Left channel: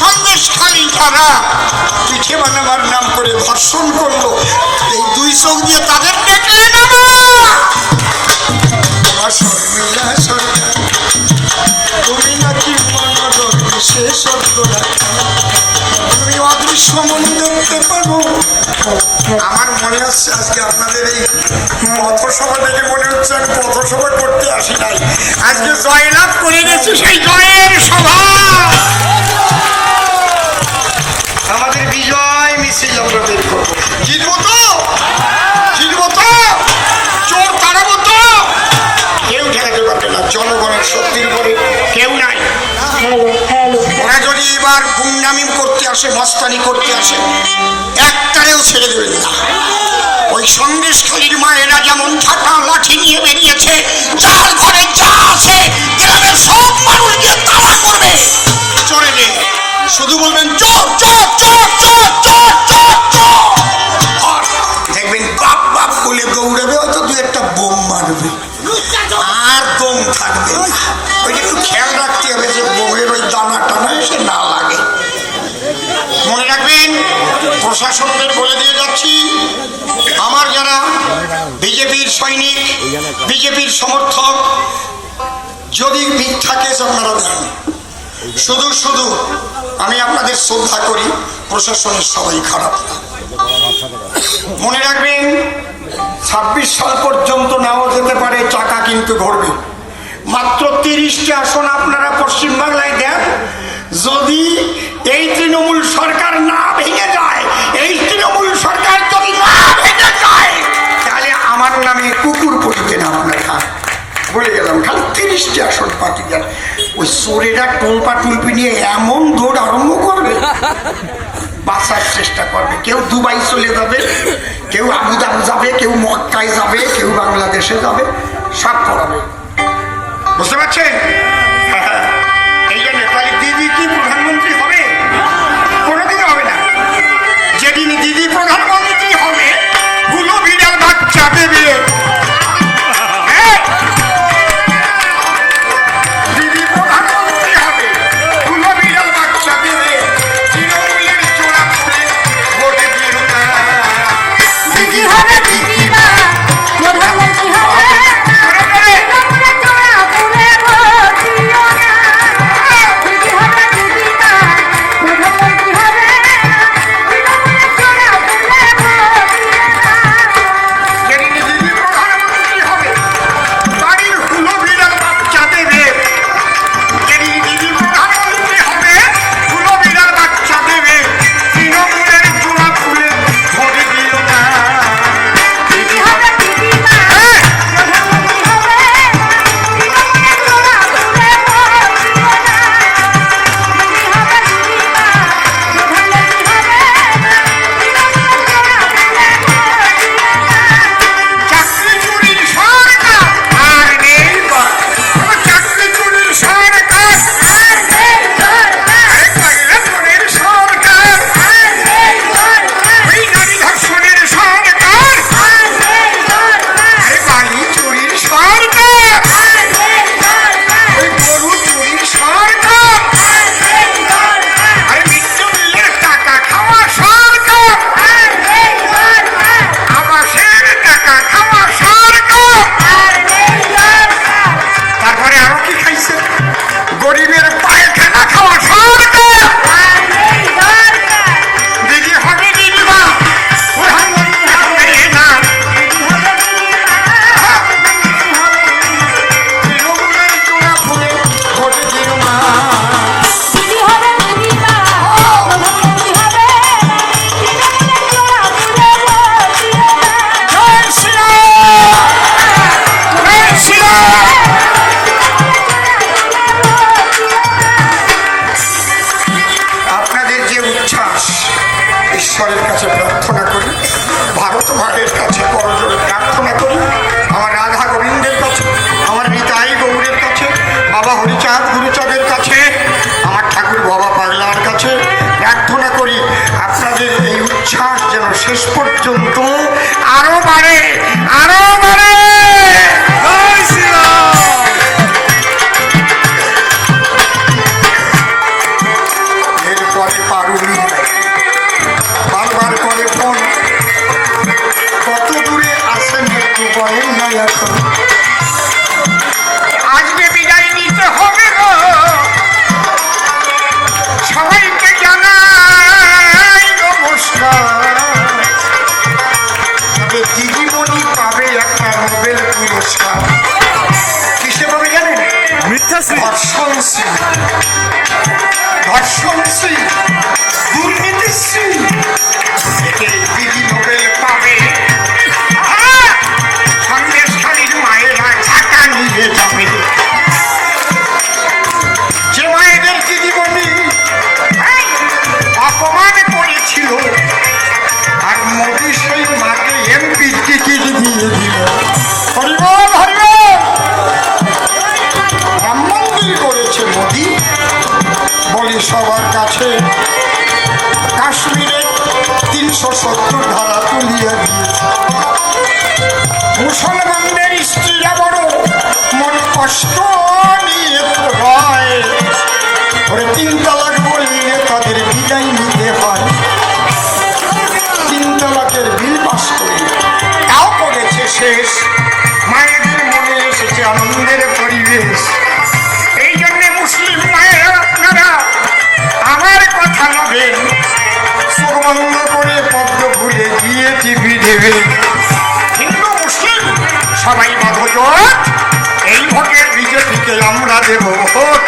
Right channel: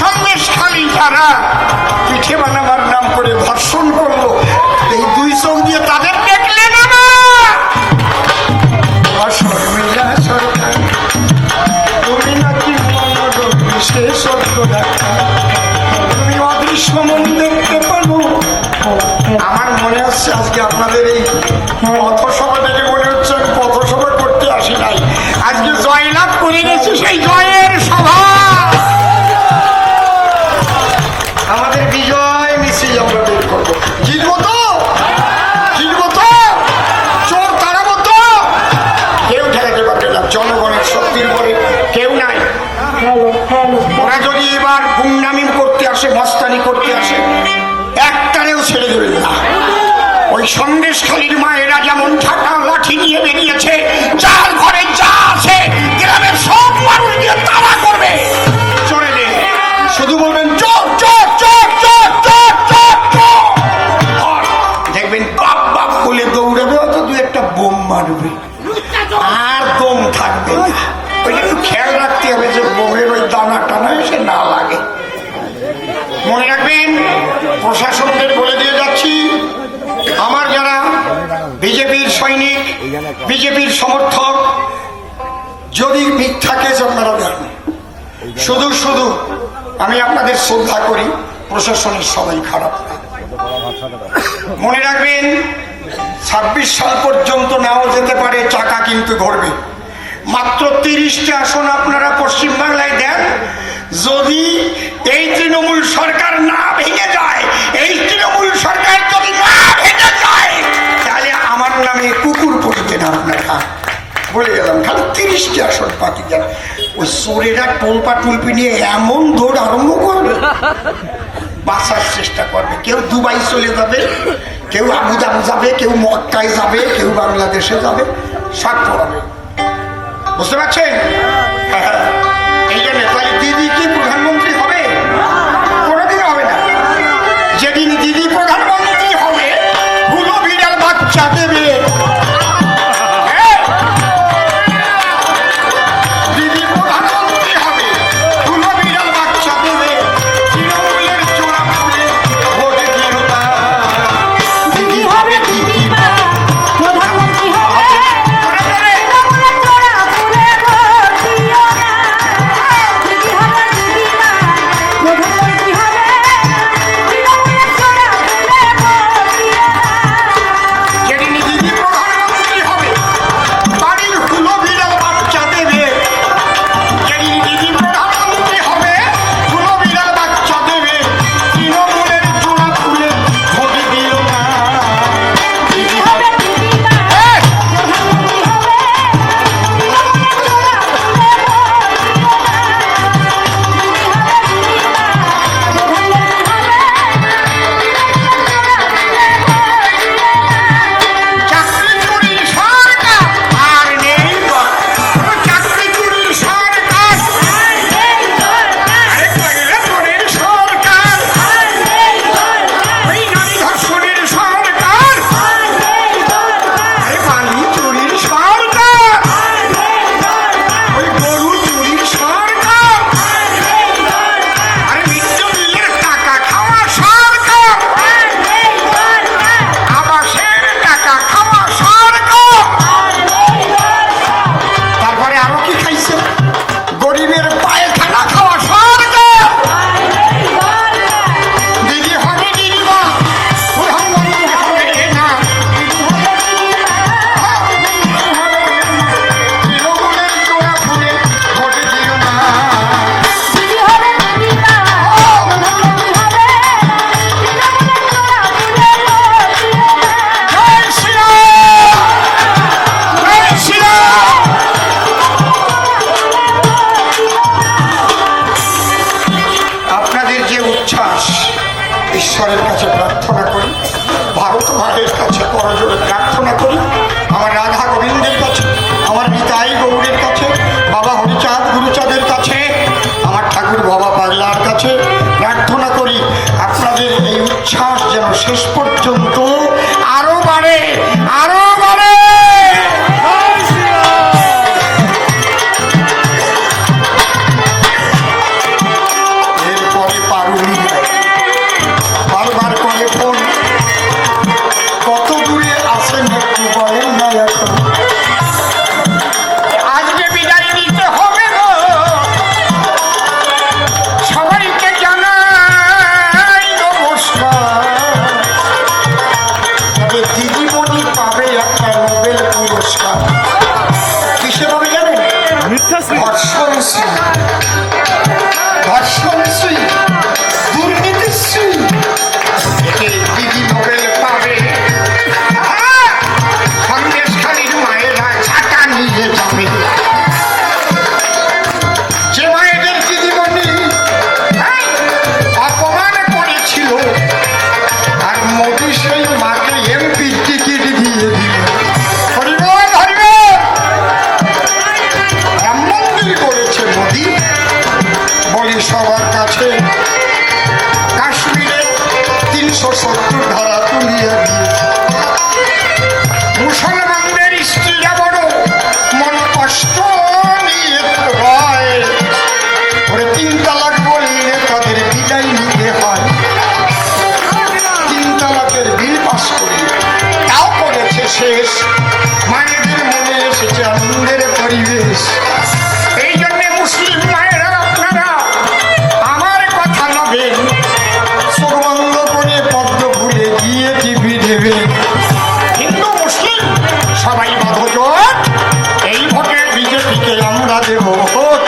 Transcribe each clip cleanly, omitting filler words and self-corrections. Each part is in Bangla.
সন্দেশখালী যারা পিঠে বানাবার নাম করে ধর্ষণ করলো, এই দুই চোখ দিয়ে তাদের দেখলে না শর্মিলা সরকার, তুমি নাকি মনোরম শেষ তুমি অদৃশ্য মন দেখতে পাবো। আমার মনে হচ্ছে আজকে আপনাদের এই পথসভা থেকে মনে হচ্ছে আমি পথসভা করতে আসি নাই, আজকে জয়লাভ করে গেছি সেই জয়ের সভা। আমাদের বিজয় মিছিল আমরা বের করবো, জিতবো তো, জিতবো তো, চোর তাড়াবো তো, কেউ ঠেকাতে পারবে না। জনগণের শক্তির পরে কেউ নাই। ওরা যদি এবার গুন্ডামি করতে আসে, মস্তানি করতে আসে, একটারেও ছেড়ে দেবেন না। ওই সন্দেশখালীর মায়েরা যেমন ছাতা লাঠি নিয়ে বেরিয়েছে, যার ঘরে যা আছে গ্রামের সব মানুষ দিয়ে তাড়া করবে, চলে গেলে শুধু বলবেন চোর চোর চোর চোর চোর চোর চোর, দেখবেন বাপ বাপ বলে দৌড়াবে, হয়তো দু একটা বোম মারবে, আর দম থাকবে না। ওই একটু খেয়াল রাখতে হবে যে বোমের ওই দানা টানা এসে না লাগে। মনে রাখবেন, প্রশাসনদের বলে দিয়ে যাচ্ছি, আমার যারা বিজেপির সৈনিক, বিজেপির সমর্থক, যদি মিথ্যা কেস আপনারা দেন, শুধু শুধু আমি আপনাদের শ্রদ্ধা করি, প্রশাসনের সবাই খারাপ না। মনে রাখবেন, 26 সাল পর্যন্ত নাও যেতে পারে, চাকা কিন্তু ঘুরবে। মাত্র 30টি আসন আপনারা পশ্চিমবাংলায় দেন, যদি এই তৃণমূল সরকার না ভেঙে যায়, এই তৃণমূল সরকার যদি না ভেঙে যায়, তাহলে আমার নামে কুকুর পড়িবে না আপনারা। বলে গেলাম, খালি 30টি আসন পাতি দেন। ওই চোরেরা টোলপা টুলপি নিয়ে এমন দৌড় আরম্ভ করবে, বাঁচার চেষ্টা করবে। কেউ দুবাই চলে যাবে, কেউ আবুধাবি যাবে, কেউ মক্কায় যাবে, কেউ বাংলাদেশে যাবে, সব করাবে। বুঝতে পারছেন? এই জন্য তাহলে দিদি কি প্রধানমন্ত্রী হবে? কোনোদিনও হবে না। যেদিন দিদি প্রধানমন্ত্রী হবে, গুলো বিড়াল বাচ্চা দেবে। দিদি প্রধানমন্ত্রী হবে, গুলো বিড়াল বাচ্চা দেবে, তৃণমূলের চোরা খুলে ভোটে দিল না। দিদি হবে দিদিমা, প্রধানমন্ত্রী হবে। ঈশ্বরের কাছে প্রার্থনা করি, ভারত মায়ের কাছে করজোড়ে প্রার্থনা করি, আমার রাধা গোবিন্দের কাছে, আমার নিতাই গৌরের কাছে, বাবা হরিচাঁদ গুরুচাঁদের কাছে, আমার ঠাকুর বাবা পাগলার কাছে প্রার্থনা করি, আপনাদের এই উচ্ছ্বাস যেন শেষ পর্যন্ত আরো বাড়ে, আরো বাড়ে। ধর্ষণশ্রী, ধর্ষণশ্রী, দুর্নীতিশ্রী, একে দিদি নোবেল পাবে। সন্দেশখালীর মায়েরা ছাতা নিয়ে যাবে। যে মায়েদের দিদিমণি অপমান করেছিল, আর মোদি সেই মাকে এমপির টিকিট দিয়ে দিল। হরিবল হরিবল। রাম মন্দির করেছে মোদি, বলি সবার কাছে। কাশ্মীরে 370 ধারা তুলিয়ে দিয়েছে। মুসলমানদের স্ত্রীরা বড় মন কষ্ট নিয়ে হয়, ওরে 3 তালাক বললে তাদের বিদায় নিতে হয়। 3 তালাকের বিল পাস করে তাও করেছে শেষ। মায়েদের মনে এসেছে আনন্দের পরিবেশ। এই জন্যে মুসলিম মায়েরা আপনারা আমার কথা নেবেন, চোখ বন্ধ করে পদ্ম ভুলে গিয়ে টিভি দেবেন। হিন্দু মুসলিম সবাই বাধজোট, এই ভোটের বিজেপিকে আমরা দেব ভোট।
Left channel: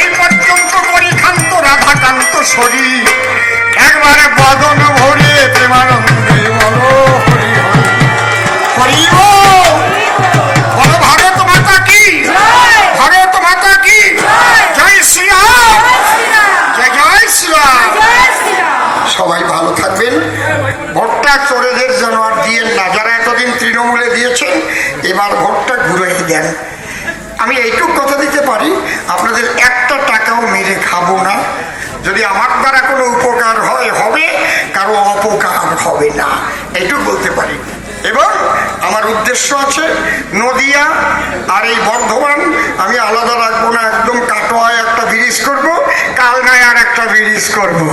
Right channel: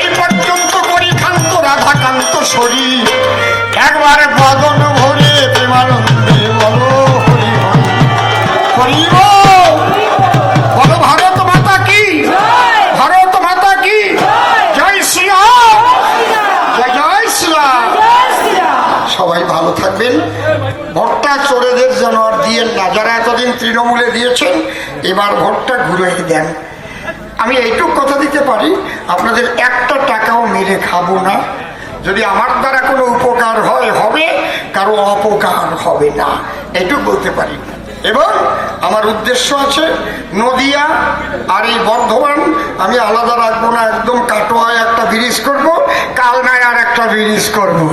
এই পর্যন্ত করি খান্ত রাধাকান্ত শরীর, একবারে বদন ভরে প্রেমানন্দে বলো হরি বল। বলো ভারত মাতা কি, ভারত মাতা কি, জয় শ্রীরাম, জয় জয় শ্রীরাম। সবাই ভালো থাকবেন। ভোটটা চোরেদের জন্য আর দিয়েন না। যারা এতদিন তৃণমূলে দিয়েছেন, এবার ভোটটা ঘুরে দেন। আমি এইটুক কথা দিতে পারি, আপনাদের একটা টাকাও মেরে খাবো না। যদি আমার দ্বারা কোনো উপকার হয় হবে, কারো অপকার হবে না, এইটুক বলতে পারি। এবং আমার উদ্দেশ্য আছে নদিয়া আর এই বর্ধমান আমি আলাদা রাখবো না। একদম কাটোয়ায় একটা ব্রিজ করবো, কালনায় আর একটা ব্রিজ করবো।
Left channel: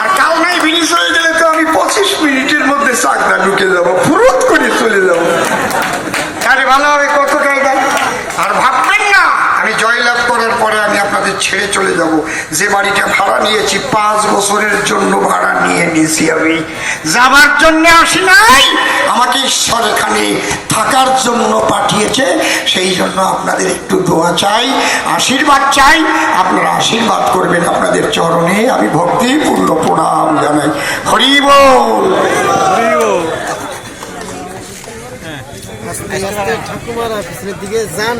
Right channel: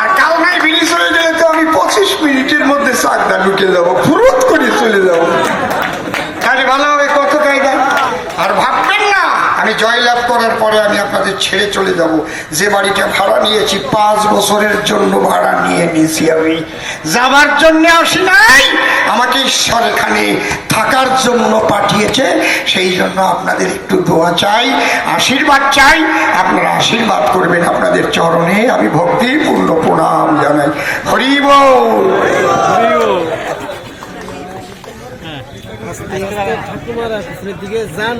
আর কালনায় ব্রিজ হয়ে গেলে তো আমি 25 মিনিটের মধ্যে চাকদা ঢুকে যাবো, ফুরত করে চলে যাবো। তাহলে ভালো হবে কত জায়গা। আর ভাববেন না আমি জয়লাভ করার পরে আমি আপনাদের ছেড়ে চলে যাব। যে বাড়িটা ভাড়া নিয়েছি 5 বছরের জন্য ভাড়া নিয়ে নিয়েছি, আমি যাবার জন্য আসি নাই। আমাকে ঈশ্বর এখানে থাকার জন্য পাঠিয়েছে। সেই জন্য আপনাদের একটু দোয়া চাই, আশীর্বাদ চাই। আপনারা আশীর্বাদ করবেন। আপনাদের চরণে আমি ভক্তিপূর্ণ প্রণাম জানাই। হরি বল, হরি বল। ঠাকুমারা পিছনের দিকে যান।